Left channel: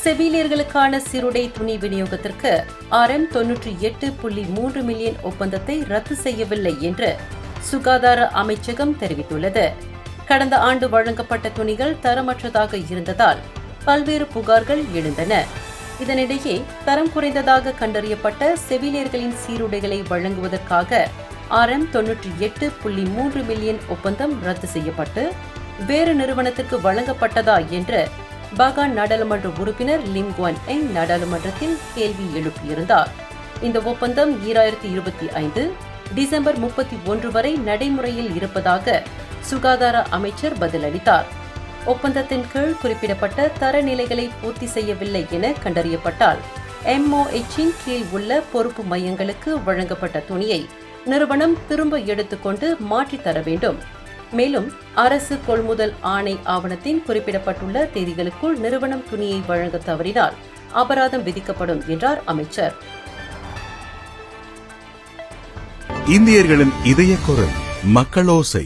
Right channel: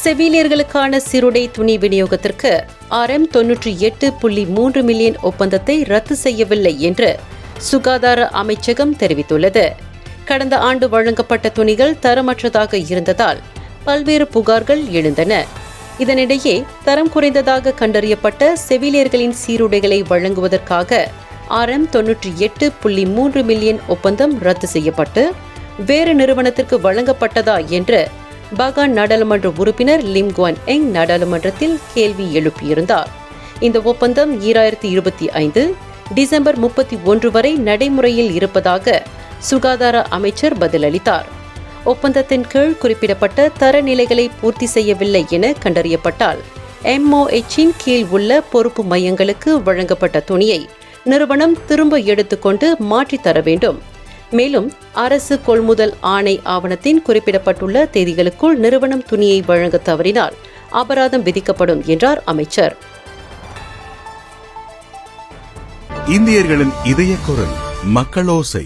செவிலியர்களுக்கான சீருடை துணி விநியோகத்திற்கு RM98.3 மில்லியன் ஒப்பந்தத்தை ரத்து செய்யவில்லை என்று சுகாதார அமைச்சகம் தெரிவித்துள்ளது. கடந்த ஆண்டு வழங்கப்பட்ட துணிகள் தரமற்றதாக இருந்ததால் பல்வேறு புகார்கள் எழுந்தன. இதனிடையே தரம் குறைந்ததாக கண்டறியப்பட்ட செவிலியர்களின் சீருடைகளை வழங்குவதற்காக RM98.3 மில்லியன் ஒப்பந்தம் ரத்து செய்யப்பட்டு வேறு நிறுவனத்திற்கு வழங்கப்பட்டதா என்று பாகான் நாடாளுமன்ற உறுப்பினர் லிம் குவான் எங் நாடாளுமன்றத்தில் கேள்வி எழுப்பியிருந்தார். இந்த ஒப்பந்தம் 2025 டிசம்பர் 31 வரை நடைமுறையில் இருப்பதாக சுகாதார அமைச்சர் பதிலளித்தார். ஒப்பந்தத்தின் கீழ் குறிப்பிடப்பட்ட தரநிலைகளை பூர்த்தி செய்யவில்லை என கண்டறியப்பட்டால் MOH-இன் கீழ் உள்ள பொறுப்பு மையங்களுக்கு வழங்கப்பட்ட துணியை நிறுவனம் திரும்ப எடுத்துக்கொண்டு மாற்றித் தர வேண்டும். மேலும் அரசு கொள்முதல் ஆணை ஆவணத்தின் குறிப்பிடப்பட்டுள்ள தேதிகளுக்குள் நிறுவனம் துணியை வழங்க தவறினால் அபராதம் விதிக்கப்படும் என்றார் அமைச்சர். இந்தியர்களின் இதய குரல் மக்களோசை.